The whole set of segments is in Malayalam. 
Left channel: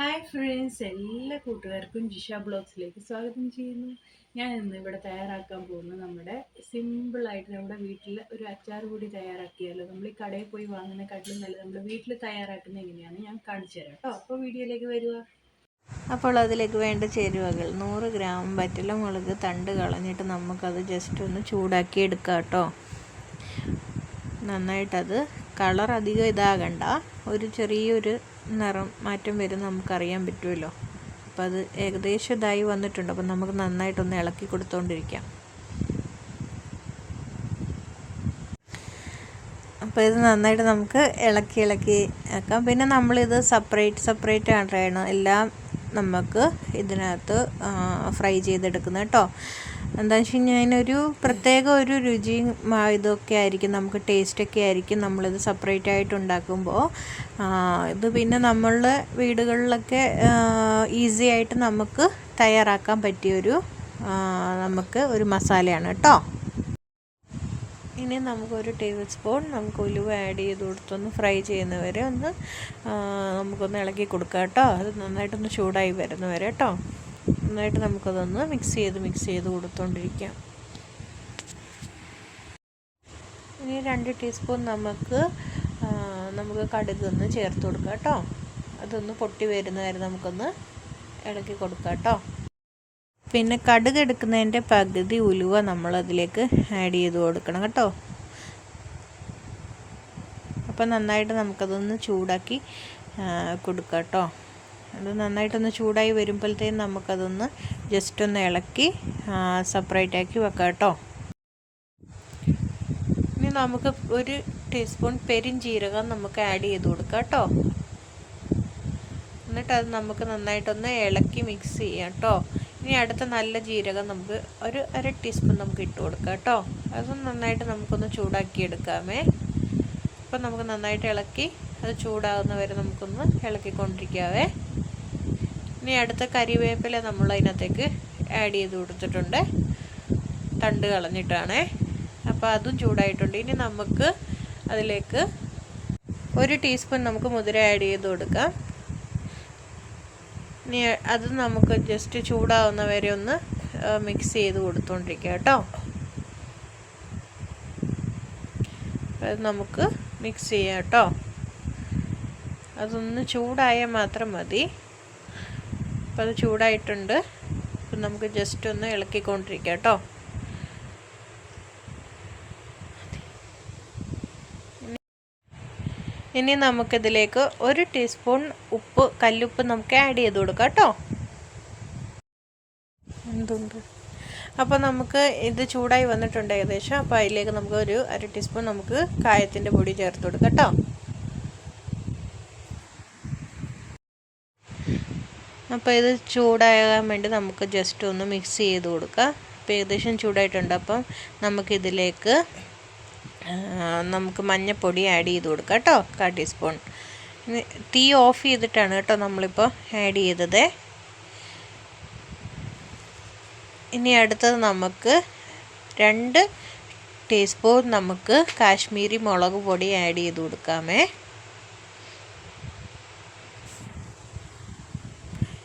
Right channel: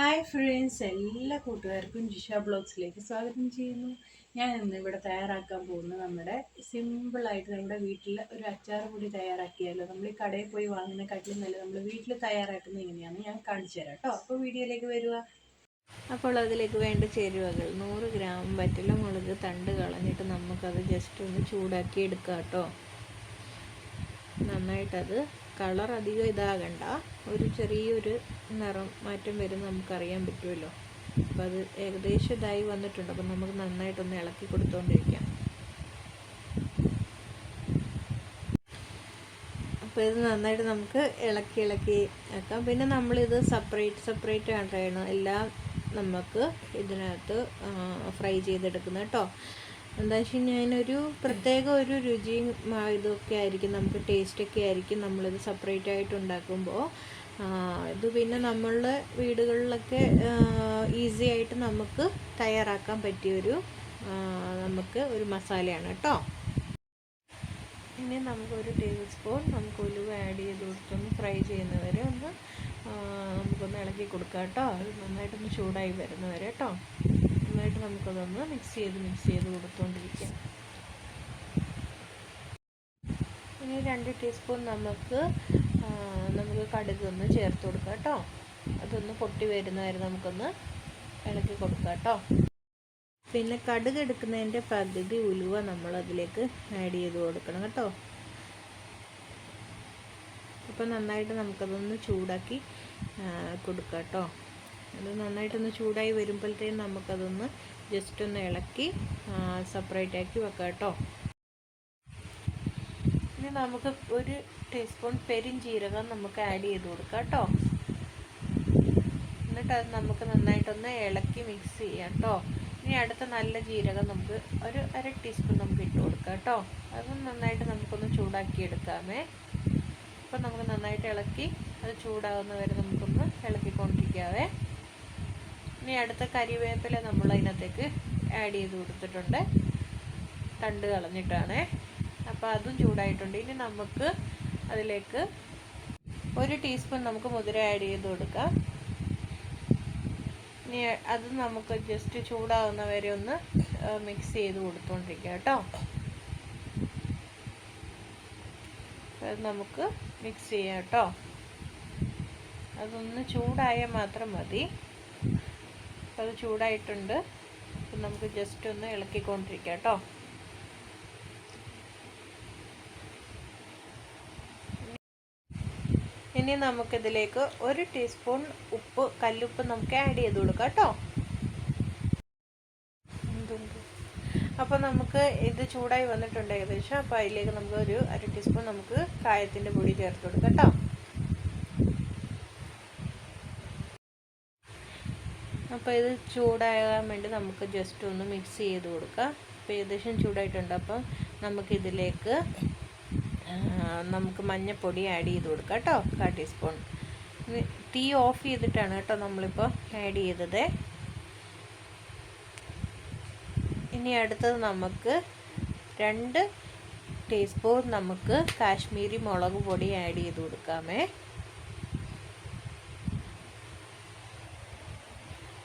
ഹായ് ഫ്രണ്ട്സ്, എല്ലാ കൂട്ടുകാർക്കും ജിഷ ബ്ലോഗ്സിലേക്ക് സ്വാഗതം ചെയ്യുന്നു. ഞാൻ ഇന്ന് ഇവിടെ തയ്യാറാക്കാൻ പോകുന്നത് നമ്മുടെ സിമ്പിളായിട്ട് നമ്മുടെ വീട്ടിൽ ഒരു അച്ചാർ പൊടി തയ്യാറാക്കിയാലോ. നമ്മൾ ഈ കടയിൽ പോയി വാങ്ങുന്നതിനെക്കാട്ടിലും നല്ല നമ്മൾ വീട്ടിൽ തയ്യാറാക്കുന്നത് എങ്ങനെയാണ് ഞാൻ കാണിച്ചു തരാം കേട്ടോ. അപ്പോൾ വീഡിയോയിലേക്ക് വരിക. അപ്പോൾ അതിലേക്ക് വേണ്ട ചേരുവകൾ 100 ഗ്രാം വറ്റൽമുളക് തണ്ട് കളഞ്ഞിട്ട് നമുക്കത് ജസ്റ്റ് ഒന്ന് ചൂടാക്കി എടുക്കാം കേട്ടോ. നന്നായിട്ടത് കളർ അധികം ഇതാകണ്ട, ഒരു ചെറിയൊരു നിറം മാറ്റം വരും നമുക്കറിയാൻ പറ്റുമല്ലോ. അപ്പോൾ അത് ഏകദേശം ഇതായി വന്നിട്ടുണ്ട്. അപ്പം നമുക്ക് നന്നായിട്ടൊന്ന് ഇളക്കി കൊടുത്തുകൊണ്ടിരിക്കാം. അപ്പോൾ ഇത് നന്നായിട്ട് നമുക്ക് ഇളക്കി ആക്കാം. പിന്നെ നമ്മളിത് സെപ്പറേറ്റ് ആണ് എല്ലാം നമുക്ക് ഇതിനകത്ത് ഫ്രൈ ചെയ്തെടുക്കുന്നത് കേട്ടോ. എന്താണെന്ന് വെച്ച് കഴിഞ്ഞാൽ അതിനൊരു പ്രത്യേക ഒരു രുചിയും ഇതൊക്കെ ആയിരിക്കും, നമുക്ക് ടേസ്റ്റൊക്കെ ആയിരിക്കും നമ്മളിത് സെപ്പറേറ്റ് ആയിട്ട് ഉണ്ടാക്കുമ്പോൾ. ഇത് പിന്നെ നമ്മളുടെ വീടുകളിലൊക്കെ ഈസി ആയിട്ട് നമുക്ക് തയ്യാറാക്കാൻ പറ്റിയൊരു നമുക്ക് ഒരു മസാലയാണ് കേട്ടോ. ഇനി നമുക്കൊരു ടേബിൾ സ്പൂൺ നമുക്ക് ഉലുവ ആഡ് ചെയ്ത് കൊടുത്തൊന്ന് ഫ്രൈ ചെയ്യുന്നവരെ ഒന്ന് നമുക്കൊന്ന് ഇളക്കി കൊടുക്കാം കേട്ടോ. അത് നന്നായിട്ടൊന്ന് ചൂടായി വരുന്നവരെ കേട്ടോ. നന്നായിട്ട് നമുക്കതൊന്ന് മിക്സ് ചെയ്ത് കൊടുത്തുകൊണ്ടിരിക്കാം. ഇനി 2 ടീസ്പൂൺ നമുക്ക് കടുക് ഒന്ന് ചേർത്ത് കൊടുക്കാം കേട്ടോ. അതൊന്ന് പൊട്ടി വരുന്നവരെ നമുക്കൊന്ന് ഇളക്കി കൊടുക്കാം കേട്ടോ. പിന്നെ കടുക് എടുക്കുന്നതിൻ്റെ പകുതി ഉലുവ നമ്മളതിലേക്ക് ആഡ് ചെയ്ത് കൊടുക്കണം കേട്ടോ. അപ്പം നന്നായിട്ട് നമുക്കതൊന്ന് ചൂടാക്കി കൊടുക്കാം കേട്ടോ. അത് നന്നായിട്ടൊന്ന് ചൂടായി വരുമ്പോഴത്തേക്കും നമുക്കതൊന്ന് ജസ്റ്റ് ഒന്ന് ഇളക്കി സെപ്പറേറ്റ് ആക്കി വെക്കാം കേട്ടോ. ഇനി നമുക്ക് 1 ടീസ്പൂൺ പെരുംജീരകം നമുക്ക് ആഡ് ചെയ്ത് കൊടുക്കാം കേട്ടോ. എന്നിട്ട് അത് നമുക്ക് നന്നായിട്ടൊന്ന് ഇളക്കി മിക്സ് ചെയ്യാം കേട്ടോ. ഇനി അടുത്ത നല്ല ജീരകം നമുക്ക് ഒരു 1/2 ടീസ്പൂൺ നമുക്ക് ഇട്ട് കൊടുക്കാം കേട്ടോ. അതും നന്നായിട്ട് നമുക്കൊന്ന് ചൂടാക്കി എടുക്കാമേ. അപ്പം നമുക്ക് നന്നായിട്ട് ഇളക്കി അത് ചൂടാകുന്ന വരെ നമുക്കൊന്ന് ഇളക്കിക്കൊണ്ടിരിക്കാവേ. ഇനി അടുത്ത കരിവേപ്പില നമ്മൾ അതിനകത്തേക്ക് ആഡ് ചെയ്ത് കൊടുത്തിട്ടുണ്ട്, തണ്ട് കളഞ്ഞിട്ടാണേ. അപ്പോൾ അതും ചൂടായിട്ടുണ്ട്. ഇനി നമുക്ക് അതിലേക്ക് 1 ടീസ്പൂൺ നമുക്ക് മുതിര ആഡ് ചെയ്ത് കൊടുക്കാം. ഇനി അത് നമുക്ക് ജസ്റ്റ് ചൂടാവുന്ന വരെ ഒന്ന് മിക്സ് ചെയ്ത് കൊടുത്തുകൊണ്ടിരിക്കുക കേട്ടോ. അത് നമുക്ക് മിക്സ് ചെയ്യാം കേട്ടോ. അതൊന്ന് ചൂടായാൽ മാത്രം മതി. അപ്പോൾ അത് ചൂടായിട്ടുണ്ട്. അപ്പം നമുക്ക് ജസ്റ്റ് ഒന്ന് ഇളക്കിക്കൊണ്ടിരിക്കാം കേട്ടോ. ഇനി നമുക്കിതിലേക്ക് 1 ടീസ്പൂൺ കല്ലുപ്പ് നമുക്ക് ആഡ് ചെയ്ത് കൊടുക്കാം കേട്ടോ. അപ്പോൾ നമുക്ക് ഇത് ചൂടായി വന്നിട്ടുണ്ട് ഏകദേശം. അപ്പോൾ അതിലേക്ക് നമുക്ക് ഒരു 1/2 ടീസ്പൂൺ നമുക്ക് കായത്തിൻ്റെ പൊടി ചേർത്ത് കൊടുക്കാം കേട്ടോ. അപ്പോൾ ഇത് ചൂടാകാൻ വേണ്ടി നമുക്ക് ജസ്റ്റ് ഒന്ന് മിക്സ് ചെയ്ത് കൊടുക്കാം. അപ്പോൾ ഏകദേശം ചൂടായിട്ടുണ്ട്. അപ്പം നമുക്കിതിലേക്ക് നമുക്ക് മഞ്ഞൾപ്പൊടി ആഡ് ചെയ്ത് കൊടുക്കാം കേട്ടോ, 1/4 ടീസ്പൂൺ. തീ ഓഫ് ചെയ്തിട്ടാണ് കേട്ടോ നമ്മളിപ്പോൾ ആഡ് ചെയ്തത്. ഇനി അടുത്തത് നമുക്ക് 2 ടീസ്പൂൺ നമുക്ക് കാശ്മീരി മുളക് പൊടി ആഡ് ചെയ്ത് കൊടുക്കാമേ.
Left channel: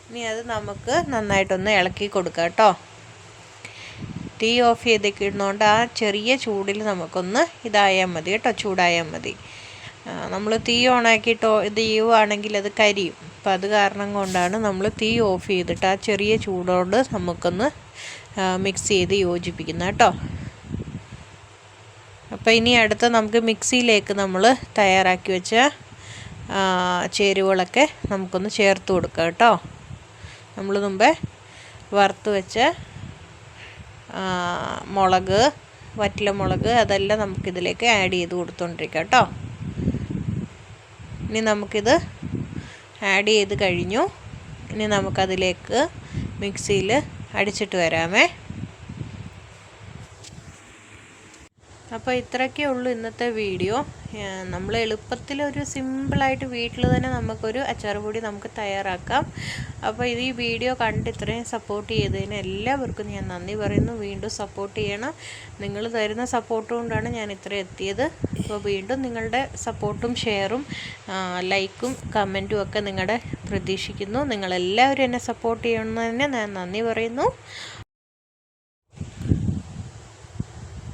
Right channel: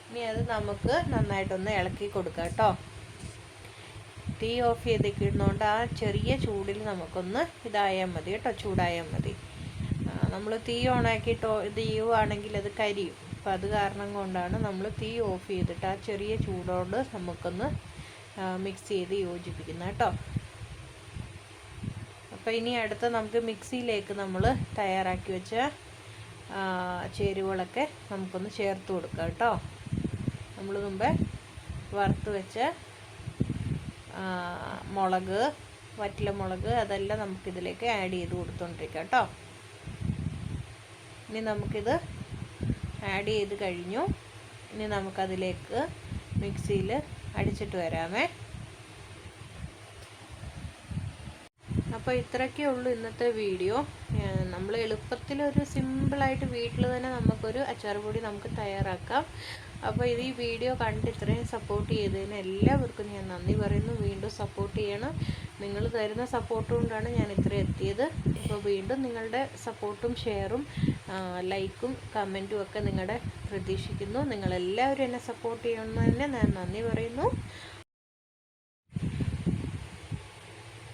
ഇനി അത് നമുക്ക് നന്നായിട്ടൊന്ന് ഇളക്കി കൊടുക്കാം കേട്ടോ. തീ ഓഫ് ചെയ്തിടുന്നതുകൊണ്ട് ആ ചെറിയ ചൂടിൽ നമുക്കൊന്ന് ഇതായാൽ മതി കേട്ടോ, ചൂടായാൽ മതി. നമ്മൾ തീ ഓണാക്കിയിട്ടോ ഇത് ചെയ്യുവാണെങ്കിൽ അത് കരിയും. അപ്പം അത് കാരണം കൊണ്ടാണ് നമ്മൾ തീ ഓഫ് ചെയ്തിട്ട് ആ ചെറിയ ചൂടോട് നമുക്കൊന്ന് മിക്സ് ചെയ്ത് യോജിപ്പിക്കുന്നത് കേട്ടോ. അപ്പോൾ ഇനി അടുത്ത നമുക്ക് മിക്സിയിലേക്ക് നമ്മൾ തയ്യാറാക്കി വെച്ച ചേരുവകളൊക്കെ നമുക്കൊന്ന് ചേർത്ത് കൊടുക്കാം കേട്ടോ. നമ്മൾ മുമ്പേ വറുത്ത് വെച്ച മുളക്, വറ്റൽമുളക് അതെല്ലാം നമുക്കിതിലേക്ക് ആഡ് ചെയ്ത് കൊടുത്തുകൊണ്ടിരിക്കാം കേട്ടോ. ഇനി നമുക്കിത് ആഡ് ചെയ്ത് കഴിഞ്ഞു. ഇനി നമുക്കതിലേക്ക് മിക്സിയിൽ അടിച്ചിട്ട് വരാമേ. അപ്പോൾ ഇത്രയൊക്കെ ഉള്ളൂ ഇന്നത്തെ വീഡിയോ. നമ്മൾ എളുപ്പത്തിലൊരു സിമ്പിളായിട്ട് വീട്ടിൽ തന്നെ നമുക്കൊരു അച്ചാർ പൊടി നമുക്ക് തയ്യാറാക്കാം. അപ്പോൾ ഈ വീഡിയോ കണ്ട് ഇത്രയും സപ്പോർട്ട് ചെയ്തതിന് എല്ലാവർക്കും ഞാൻ നന്ദി പറയുന്നു. വീണ്ടും സപ്പോർട്ട് ചെയ്യണം. നിങ്ങൾ തരുന്ന സപ്പോർട്ട് കൊണ്ടാണ് ഞാൻ ഇത്രയും എത്തിയത്. അപ്പോൾ വീണ്ടും നിങ്ങളുടെ സപ്പോർട്ടും ഷെയറും ലൈക്കും കമൻറ്റും ഒക്കെ നിങ്ങളുടെ പ്രതീക്ഷിക്കുന്നു. നിങ്ങളെല്ലാവരും എന്നെ സപ്പോർട്ട് ചെയ്യണമെന്ന് ഞാൻ നന്ദി പറയുന്നു.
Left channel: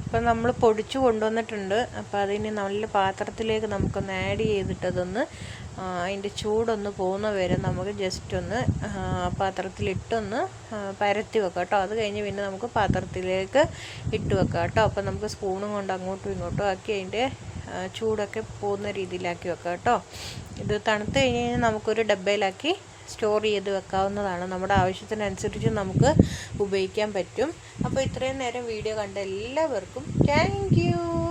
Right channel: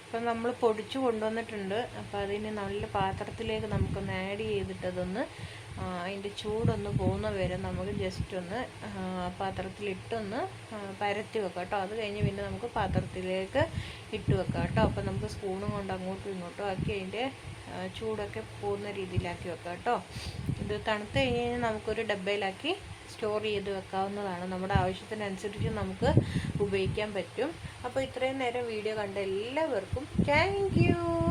അപ്പം നമ്മൾ പൊടിച്ചു കൊണ്ടുവന്നിട്ടുണ്ട്. അപ്പോൾ അതിന് നല്ല പാത്രത്തിലേക്ക് നമുക്കൊന്ന് ആഡ് ചെയ്തിട്ടതൊന്ന് അതിൻ്റെ ചൂടൊന്ന് പോകുന്ന വരെ നമുക്ക് ജസ്റ്റ് ഒന്ന് പാത്രത്തിലിട്ടൊന്ന് പരത്തി വെക്കാം കേട്ടോ. അത് കഴിഞ്ഞ് പിന്നെ നമുക്ക് പാത്രത്തിലേക്ക് ഇട്ട് വെക്കാം കേട്ടോ. അപ്പോൾ നമുക്ക് സ്പൂണും കൊണ്ട് അങ്ങോട്ടും ഇങ്ങോട്ടും ആക്കി അതിൻ്റെ ചൂടൊക്കെ പോകുന്ന രീതിയിലാക്കി വെക്കാം കേട്ടോ. ഇത് തണുത്ത് കഴിഞ്ഞ് കഴിഞ്ഞാൽ നമുക്കൊരു ഡബ്ബയിലാക്കി സ്റ്റോർ ചെയ്ത് വെക്കാവുന്നതാണ്. നമ്മുടെ ആവശ്യത്തിനനുസരിച്ച് നമുക്ക് ഉപയോഗിക്കാൻ പറ്റും. അപ്പോൾ ഇത്രയും നേരം വീഡിയോ കണ്ട എല്ലാവർക്കും താങ്ക് യു.